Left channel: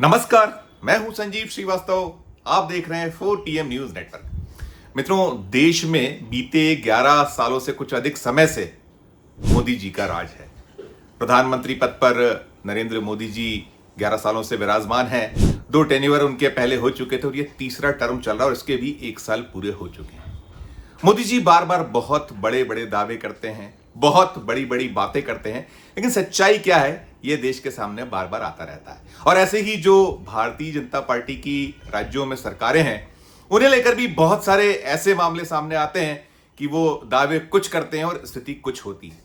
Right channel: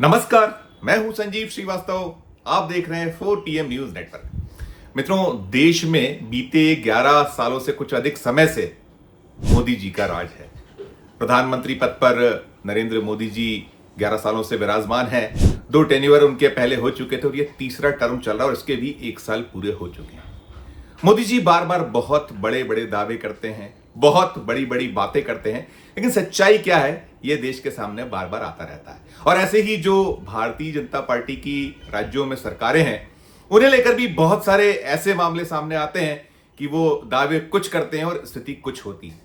नमस्कार, मैं हूं संजीव श्रीवास्तव। आप देख रहे हैं 4TM न्यूज नेटवर्क। मित्रों, देश में बीते 11 सालों से कुछ अधिक समय से मोदी जी का राज है। प्रधानमंत्री पद पर नरेंद्र मोदी जी 11 सालों से विराजमान हैं। 2 टेन्योर उनके पहले हो चुके थे और ये तीसरा टर्म चल रहा है और इसके भी 1 साल पूरे हो चुके हैं। मोदी जी बार बार बहुत बड़े बड़े दावे करते हैं, बहुत बड़ी बड़ी बातें करते हैं, लेकिन सच्चाई क्या है ये देश के सामने बार बार आता रहता है। और ऐसे ही जो भारतीय जनता पार्टी की राज्यों में सरकारें हैं, उन्हें लेकर भी बहुत सारे ऐसे मामले सामने आते हैं कि वो दावे कुछ करते हैं और स्थिति कुछ होती है।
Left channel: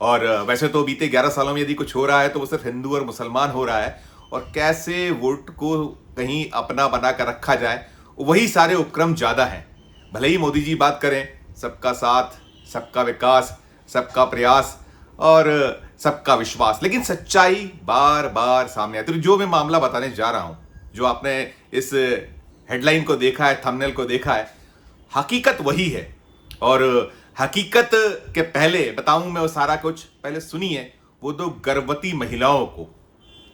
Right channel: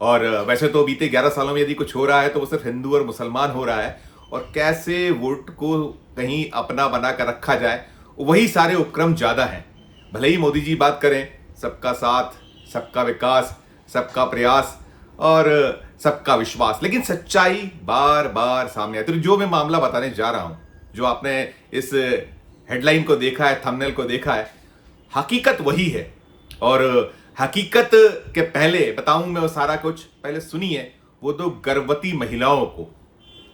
और वैसे तो बीते 11 सालों में यदि कुछ हो रहा है तो वो सिर्फ हिंदू और मुसलमान हो रहा है, और कैसे वोट को कहीं अपना बना कर रखा जाए, वही सारे उपक्रम ज्यादा हैं। भले ही मोदी जी बात करें सबका साथ, सबका विकास, सबका प्रयास और सबका विश्वास, लेकिन सच्चाई बार बार सामने आती है। तो जो मैं मामला बताने जा रहा हूं, जो आपने इस हेडलाइन को देखा है, थंबनेल को देखा है, हकीकत वही है। और हकीकत के पहले बताऊं मैं वो सारा कुछ, पहले सुनिए वो 2 गर्भवती महिलाओं को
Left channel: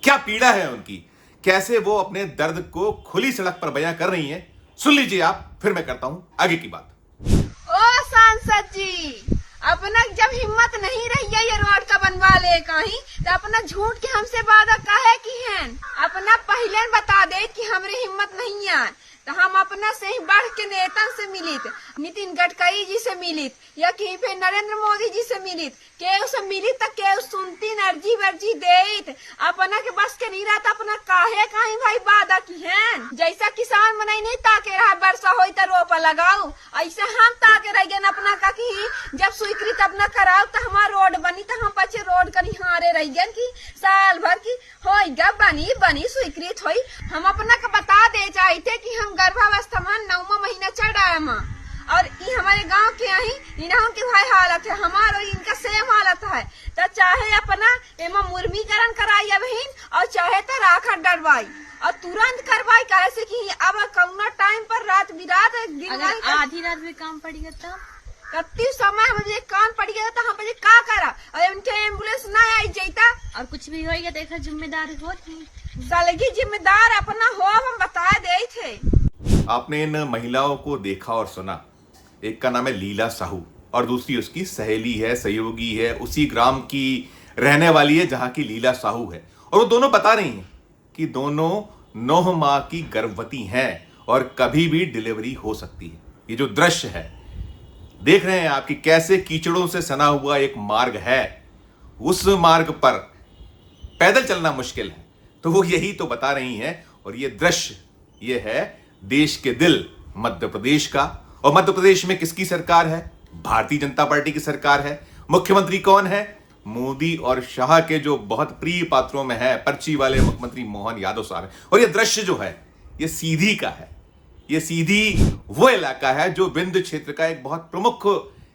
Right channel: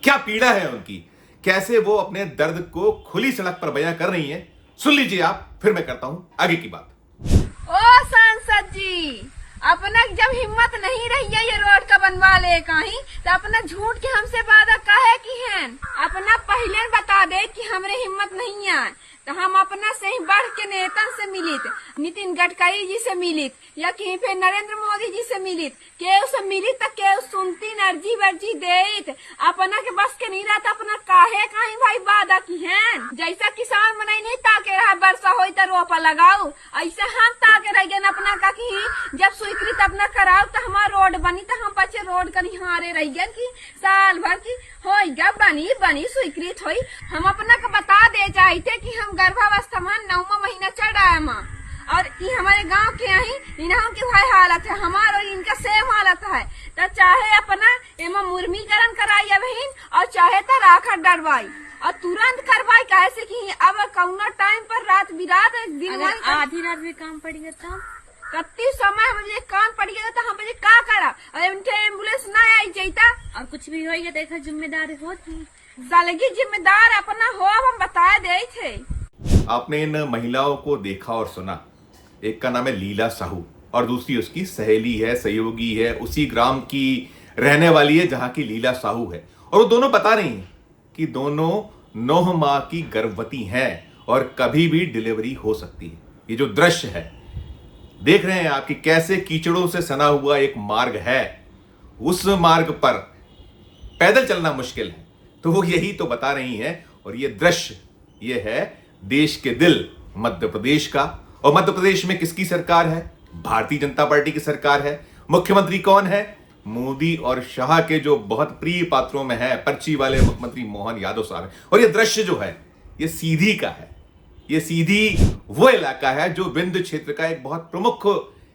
क्या पीड़ा है उनकी, कैसे वो अपने दर्द को खुली सड़क पर बयां कर रही हैं। सुन लीजिए आप, फिर मैं करता हूं आगे की बात। ओ सांसद जी, अपना जब हिम्मत नहीं रही है ये रोड का बनवा ले कहीं, तो अपना झूठ के हमसे वादा काहे की है? अपना पहले बता दे कि हमरे हिम्मत नहीं है, तो हम अपना से ही बढ़ के नेता से मिलित, नितिन गडकरी जी से मिलित, या कहीं पे नरेंद्र मोदी जी से मिलित, केहू से मिलित तो केहू सुनती अर्जी वर्जी देत। अपना के बस के नहीं रहता, अपना काहे कहीं भाई वादा की है। जैसा किसान मनाई नहीं ताके रहा वर्षा होई तो रोपा लगाओ, ऐसा हम ताके रह गए अपना का कि जब स्वीकृत अपना कराओ तो हमारा रोड बनी, तो हम बच्चे रोड का निहारे रह गए कि साल भर की हो जब बनी स्वीकृत हुई। हम अपना का बता दे चाहते कि हम गर्भावस्था में 9वां महीना चढ़ रहा है, और ये हमारे गांव के ही इन्हों की भाई हालत है, हमारा और इनका सेम हालत है। तो चाहे अपना एमा मुर्मीकरण कराई बहन, और चाहे तो राखा डरवाई और तुरंत करवाई, कैसे कि अब कौना टाइम पर रात बिरात अगर आधी रात में काम पड़ेगा तब कत्ती समय मुझे काम पड़ गया तो हम मुझे का करा, और उनके एम्बुलेंस न आई जाता और कुछ भी होएगा देखो जिम्मेदारी होती सालगी जिम्मेदार अपना हो, हम बता दे थे। आपने इन महिलाओं को देखा और सुना। एक का नाम है लीला साहू और दूसरी उसकी सहेली है, सहयोगी है, उसी ग्राम की रहने वाली है जहां की लीला साहू है। और वो दोनों बता रही हैं कि दोनों 9 माह की गर्भवती हैं और कभी भी डिलीवरी हो सकती है। ये जो दृश्य है देख रहे हैं आप कि कैसे कीचड़ों से सना हुआ एक मार्ग है, उस मार्ग पर पैदल चलना मुश्किल है, तो वो यही तो बता रही हैं। और ये दृश्य ये है देश के दिल मध्य प्रदेश का। और मध्य प्रदेश में किसकी सरकार है? भारतीय जनता पार्टी की सरकार है। मुख्यमंत्री कौन है? मोदी और शाह के जो बहुत प्रिय पात्रों में है, पर्ची वाले मुख्यमंत्री मोहन यादव साहब है। और ये दृश्य जो है ये सीधी का है। ये सीधी वो इलाका है जो विंध्य क्षेत्र का एक बहुत प्रमुख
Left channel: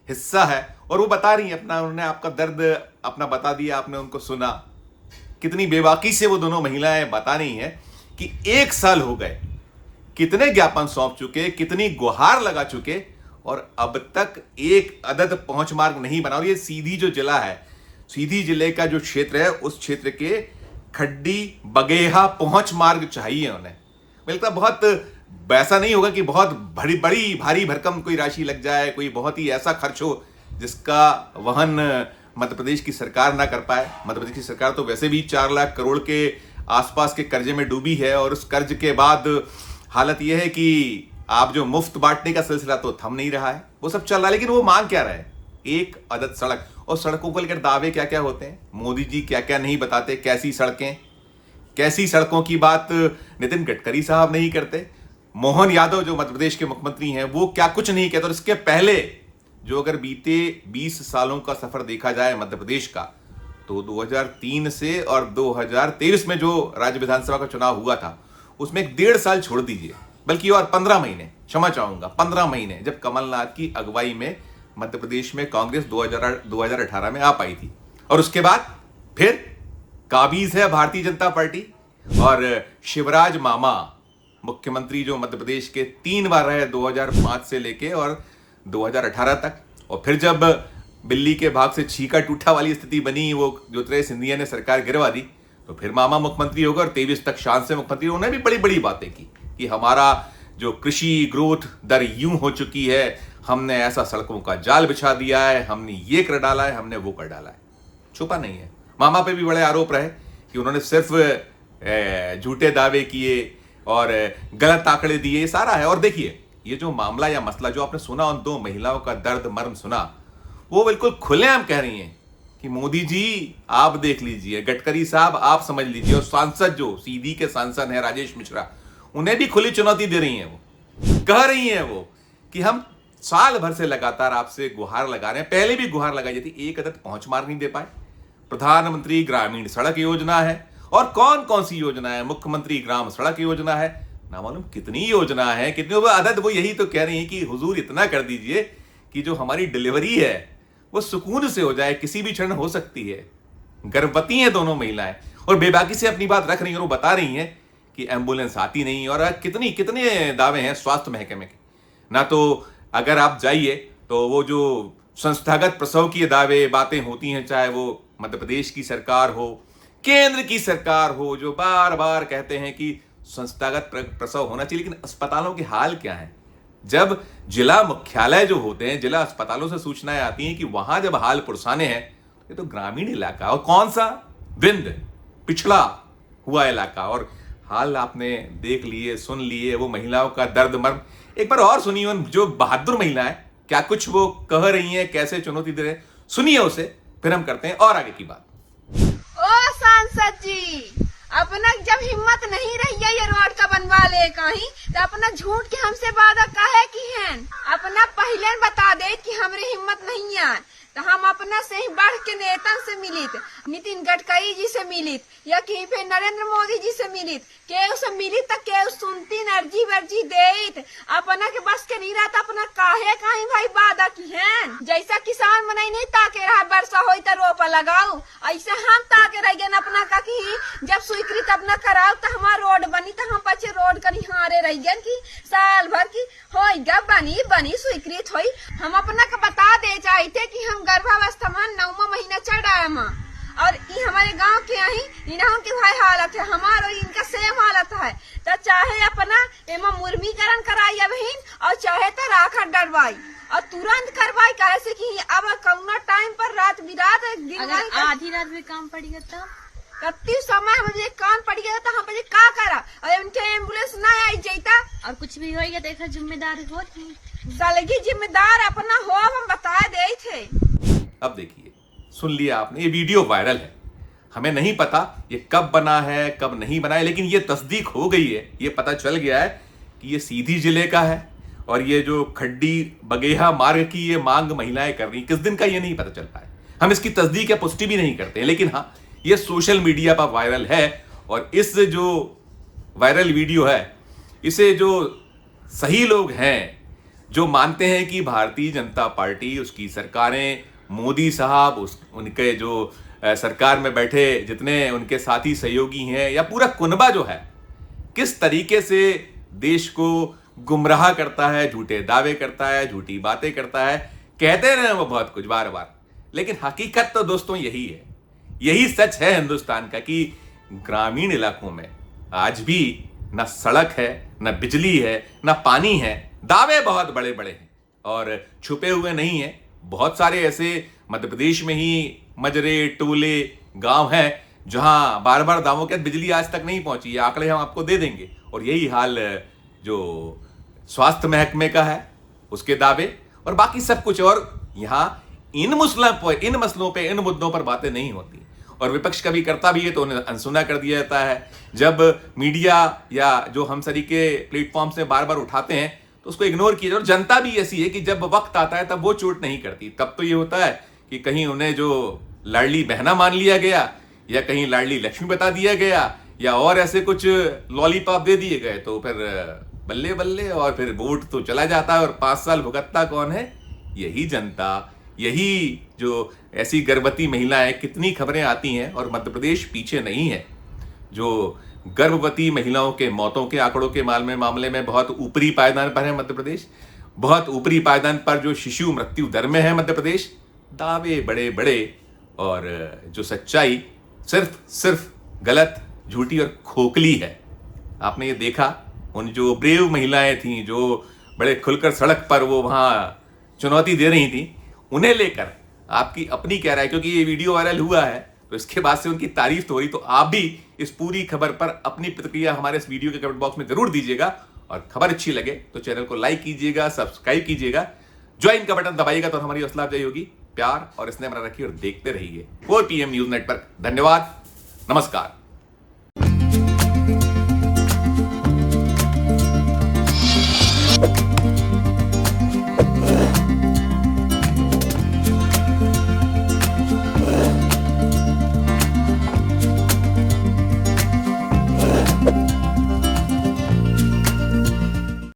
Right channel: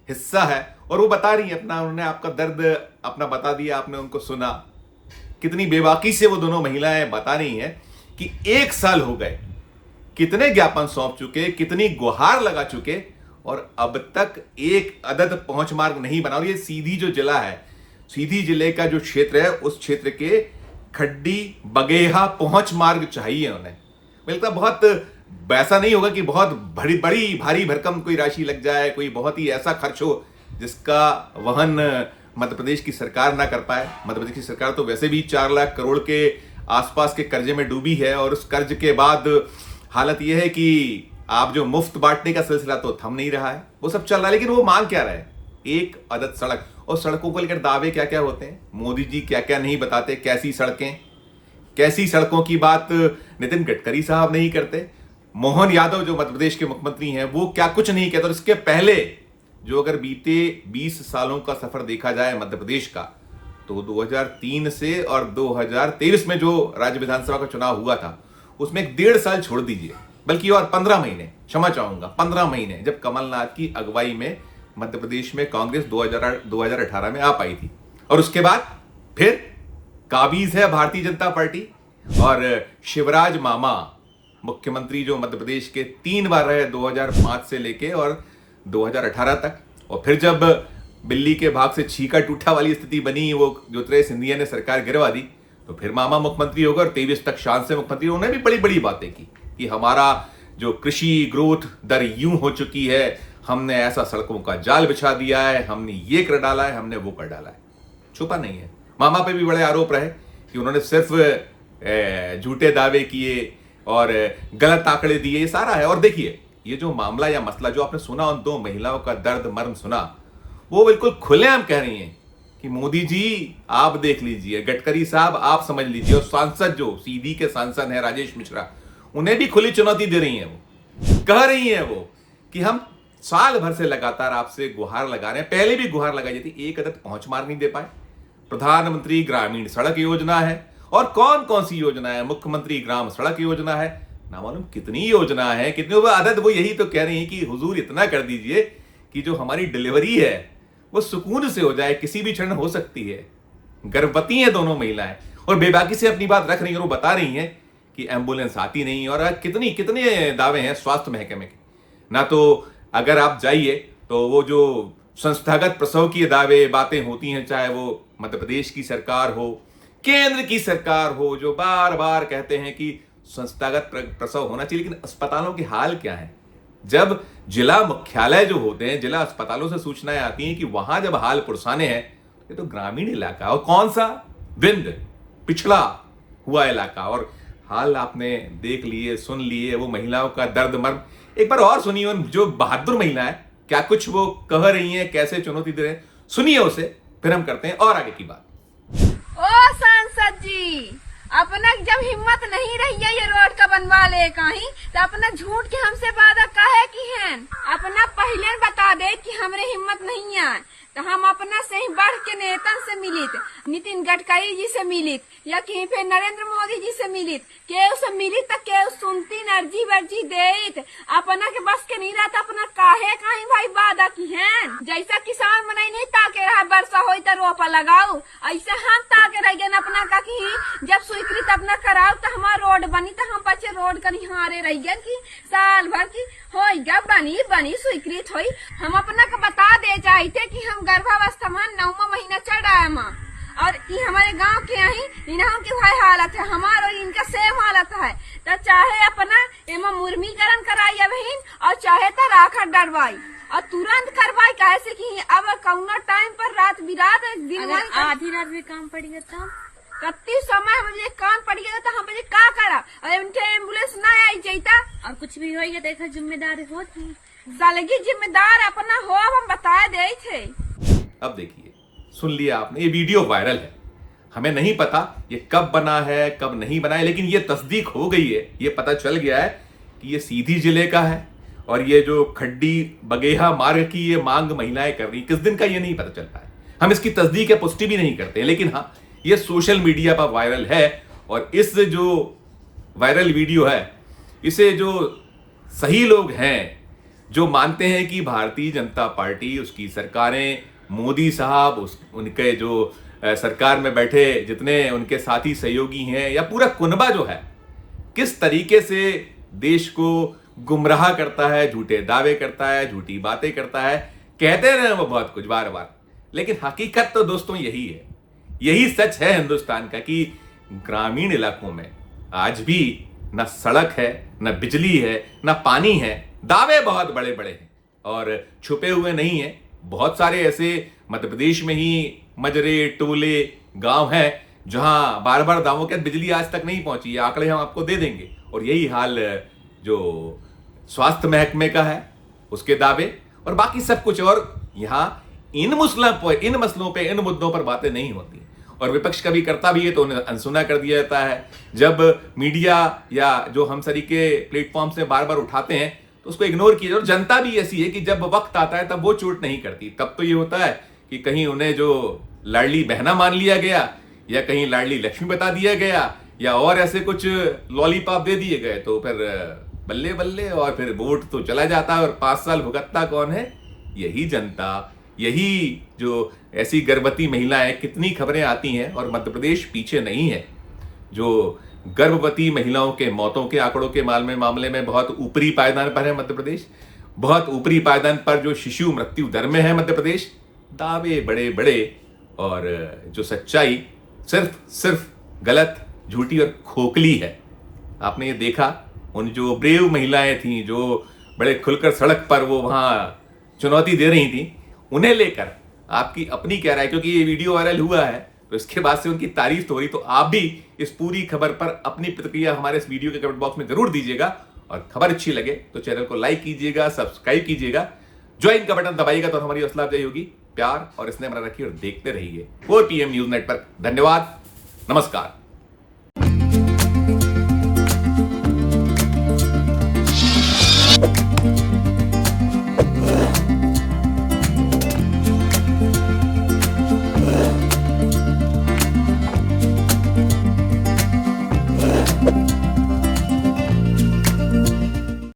हिस्सा है। और वो बता रही है अपना, उन्होंने आपका दर्द अपना बता दिया, आपने उनको सुना। कितनी बेबाकी से वो दोनों महिलाएं बता रही हैं कि 1 साल हो गए, कितने ज्ञापन सौंप चुके, कितनी गुहार लगा चुके, और अब तक एक अदद पहुंच मार्ग नहीं बना। और ये सीधी जो जिला है, सीधी जिले का जो क्षेत्र है, उस क्षेत्र के खड्डी बगेहा पहुंच मार्ग चाहिए उन्हें। मिलता बहुत वैसा नहीं होगा कि बहुत बड़ी भारी भरकम कोई राशि लग जाए, कोई बहुत ही ऐसा खर्च हो जिसका वहन मध्य प्रदेश की सरकार ना कर पाए। मध्य प्रदेश की सरकार तो वैसे भी 4 लाख करोड़ के आसपास के कर्जे में डूबी है, और उस कर्ज के बाद हालत यह है कि आप जो मुफ्त बांटने का सिलसिला तो थम नहीं रहा है, वो सब चल रहा है। लेकिन वो मांग क्या रहा है? एक अदद सड़क। और सड़कों को लेकर दावे क्या क्या होते हैं, मोदी जी क्या क्या नहीं बताते। कैसी सड़कें, कैसी सड़कों की बात नितिन गडकरी साहब नहीं करते। मोहन यादव जो मध्य प्रदेश के मुख्यमंत्री हैं वो क्या कुछ नहीं कहते। और इसके पहले जो अगर बीते 20 सालों का सफर देखा जाए मध्य प्रदेश का, तो 2003 से और 2023 में जो राज्य विधानसभा का चुनाव हुआ था उसमें 1.5 साल छोड़ दीजिए, बल्कि और 15 महीने, क्षमा चाहूंगा 15 महीने, जब कमलनाथ की अगुवाई में मध्य प्रदेश में कांग्रेस 2018 में आ पाई थी। और उसके बाद फिर काबिज है भारतीय जनता पार्टी। और शिवराज मामा मुख्यमंत्री जो मध्य प्रदेश के 3 बार रहे, 2005 से लेके और 2018 तक। और फिर जब बिल्ली के भाग से छीका टूटा वाली स्थिति बनी, वो ज्योतिरादित्य सिंधिया ने सरकार गिरवा दी, तो फिर मामा मुख्यमंत्री होगा और 23 तक शान से मुख्यमंत्री। उन्होंने भी बड़ी बड़ी बातें की कि हमारा जो कृषि ग्रोथ दर यूं हो चुकी है, हमने ऐसा सड़कों का जाल बिछा दिया है, हमने ये कर डाला है, हमने वो कर डाला है। छुपा नहीं है। मामा पे भी बड़े आरोप रहे कि उन्होंने सिर्फ झूठे दावे किए और गलत आंकड़े दिए, ये सारा है। और देखिए, ये जो मामला या मसला जो आपने सुना, उन दो महिलाओं का दर्द मर्म सुना, वो बिल्कुल खुलेआम कह रही हैं कि मोदी जी आप देख लीजिए, गडकरी साहब आप समझ लीजिए। और सांसद जो सीधी के सांसद हैं राजेश मिश्रा, उन्हें भी खुली चुनौती दे रही हैं। वो कह रही हैं वो कि हम साल भर से लगातार आपसे गुहार लगा रहे हैं, पहले भी गुहार लगाई जाती, एक अदद पहुंच मार नहीं दे पाए। प्रधानमंत्री ग्रामीण सड़क योजना है और कौन कौन सी योजना है, मुख्यमंत्री ग्राम सड़क योजना है, ना मालूम कितनी योजना है, कितनी वो अदद। वो यही तो कह रही है कि हुजूर इतना कर दीजिए कि जो हमारी डिलीवरी है वो सुकून से हो जाए, किसी भी क्षण हो सकती है। गर्भवती हैं दोनों महिलाएं और बेबाकी से अपनी बात रख रही हैं। और वो बता रही हैं कि एम्बुलेंस आती नहीं। और कितने दावे हैं स्वास्थ्य महकमे के। ना तो अगर आप जाइए तो वो जो संस्थागत प्रसव की दावे बातें होती हैं, चाहे वो मध्य प्रदेश की सरकार हो, केंद्र की सरकार हो, जो बार बार कहते हैं कि संस्थागत प्रसव होना चाहिए, लेकिन अस्पतालों के हाल क्या है? जब जिला मुख्यालय जो होते हैं, जिला अस्पतालों से सूचनाएं आती हैं कि वहां जब हाल पुरसाने हैं, ये तो ग्रामीण इलाका और कौन सा विंध्य पिछड़ा हुआ इलाका। और हाल आपने देख लिए, सुन लिए, वो महिलाओं का दर्द मर्म। एक बार और सुनिए उन जो बहादुर महिलाएं क्या कुछ वो कह रही हैं, कैसे चुनौती दे रहे हैं, सुनिए उसे, फिर हम करते हैं और आगे की बात। ओ सांसद जी, अपना जब हिम्मत नहीं रही है ये रोड का बनवा ले कहीं, तो अपना झूठ के हमसे वादा काहे की हैं? अपना पहले बता दे कि हमरे हिम्मत नहीं है, तो हम अपना से ही बढ़ के नेतन से मिलित, नितिन गडकरी जी से मिलित या कहीं पे नरेंद्र मोदी जी से मिलित, केहू से मिलित तो केहू सुनती अर्जी वर्जी देत। अपना के बस के नहीं रहता, अपना काहे कहीं भाई वादा की हैं? जैसा किसान मनाई नहीं ताके रहा वर्षा होई तो रोपा लगाओ, ऐसे हम ताके रह गए अपना का कि जब स्वीकृत अपना कराओ तो हमारा रोड बनी, तो हम बच्चे रोड कर हारे रह गए कि साल भर की हो जब बनी स्वीकृत हुई। हम अपना का बता दे चाहते कि हम गर्भावस्था में 9वां महीना चढ़ रहा है और ये हमारे गांव के यही इन्हों की भाई हालत है, हमारा और इनका सेम हालत है। तो चाहे अपना एमा मुर्मीकरण कराई बहन और चाहे तो राखा डरवाई और तुरंत करवाई, कैसे कि अब कौना टाइम पर रात बिरात अगर आधी रात भी काम पड़ेगा तब कत्ती समय मुझे कान पड़ गया तो हम का करा और उनके एम्बुलेंस ना आई जाता और कुछ भी होगा देखा जिम्मेदारी होती सालगी जिम्मेदार अपना हो हम बता दे थे। अब देखिए, सुन लिया आपने, ये वीडियो वायरल है। हमें नहीं पता ये कब बना है कब नहीं बना है, लेकिन ये तस्दीक हो गई है, ये पता चल गया है कि ये सीधी जिले का है और ये जो खड्डी बगेहा मार्ग की ये मांग महिलाएं कर रही, किस दिन का ये नहीं पता चलता है। हम इसकी तस्दीक या पुष्टि भी नहीं करते, लेकिन हाँ ये सोशल मीडिया पर वायरल है। और इस जो वायरल वीडियो है, इसे जो सही लोग हैं जो मानते हैं कि भारतीय जनता पार्टी, उसकी सरकारें, मोदी साहब, उनके जो सरकार में बैठे जितने उनके साथी सहयोगी हैं या पूरा कुनबा जो है, किस तरीके से देश को गुमराह करता है, झूठे दावे करता है, झूठी बातें करता है, कहते रहे वो बहुत कुछ बार बार, लेकिन हकीकत तो दोस्तों यही है, यही सच है हिंदुस्तान का कि ग्रामीण इलाकों में आज भी न सड़क है, न बिजली है, न पानी है। दावे बहुत बड़े बड़े हैं और छुपे हुए नहीं हैं। बहुत सारे ऐसे मध्य प्रदेश में ही मजरे, टोले, गांव हैं जहां बार बार दावों के बिजली आज तक नहीं पहुंची। ये आंकड़े हम आपको दे देंगे। और यही हाल जो स्वास्थ्य महकमे का है, उसके दावे और बाकी सब कुछ। और यहां इन मसलों पे, इन मुद्दों पर बातें नहीं होती और विपक्ष कभी करता भी है तो उन्हें अनसुना कर दिया जाता है। जब मीडिया या जो हम सरीके प्लेटफॉर्म से बार बार उठाते हैं तो उसको इग्नोर किया। और जनता भी ऐसी है कि जब वक्त आता है तब वो चोट नहीं करती। तब तो ये होता है कि कहीं उन्हें जो लाडली बहना मान लिया गया या कहीं लाडली लक्ष्मी बता दिया गया या और ऐसे कुछ लॉलीपॉप दे दिए गए तो फिर बल्ले बल्ले और फिर वोट तो चला जाता है। और 5 साल भुगतता कौन है? यही जनता, यही जो ऐसी गर्भवती महिलाएं। कितनी खबरें आती हैं और मध्य प्रदेश पीछे नहीं है। जो गर्भवती महिलाओं के मौतों के आंकड़ों के मामले में बहुत ऊपरी पायदान पर है मध्य प्रदेश। बहुत ऊपरी पायदान पर जो शिशु मृत्यु दर में है मध्य प्रदेश। दावे बड़े बड़े और जो सच्चाई सिर्फ गलत, झूठी और खोखली है। आपने ये देखा, उन जो ब्रेव महिलाएं थीं जो बड़े खुलकर सड़क पर वो वहां चुनौती दे रही थी, उन्हें लेकर आपकी अपनी क्या राय, क्योंकि ये वीडियो वायरल हुआ है तो इसके बाद से उनकी तारीफ तो हो रही, तो आप भी इस पूरी खबर पर अपनी प्रतिक्रिया हमारे इस वीडियो के कमेंट बॉक्स में जरूर दीजिएगा। और खबर अच्छी लगे तो चैनल को लाइक कीजिएगा, सब्सक्राइब कीजिएगा, ज्वाइन का बटन दबाइएगा तो हमारी हौसला अफजाई होगी। प्यार और स्नेह बना रखिए और देखते रहिए 4 PM न्यूज नेटवर्क। धन्यवाद, नमस्कार।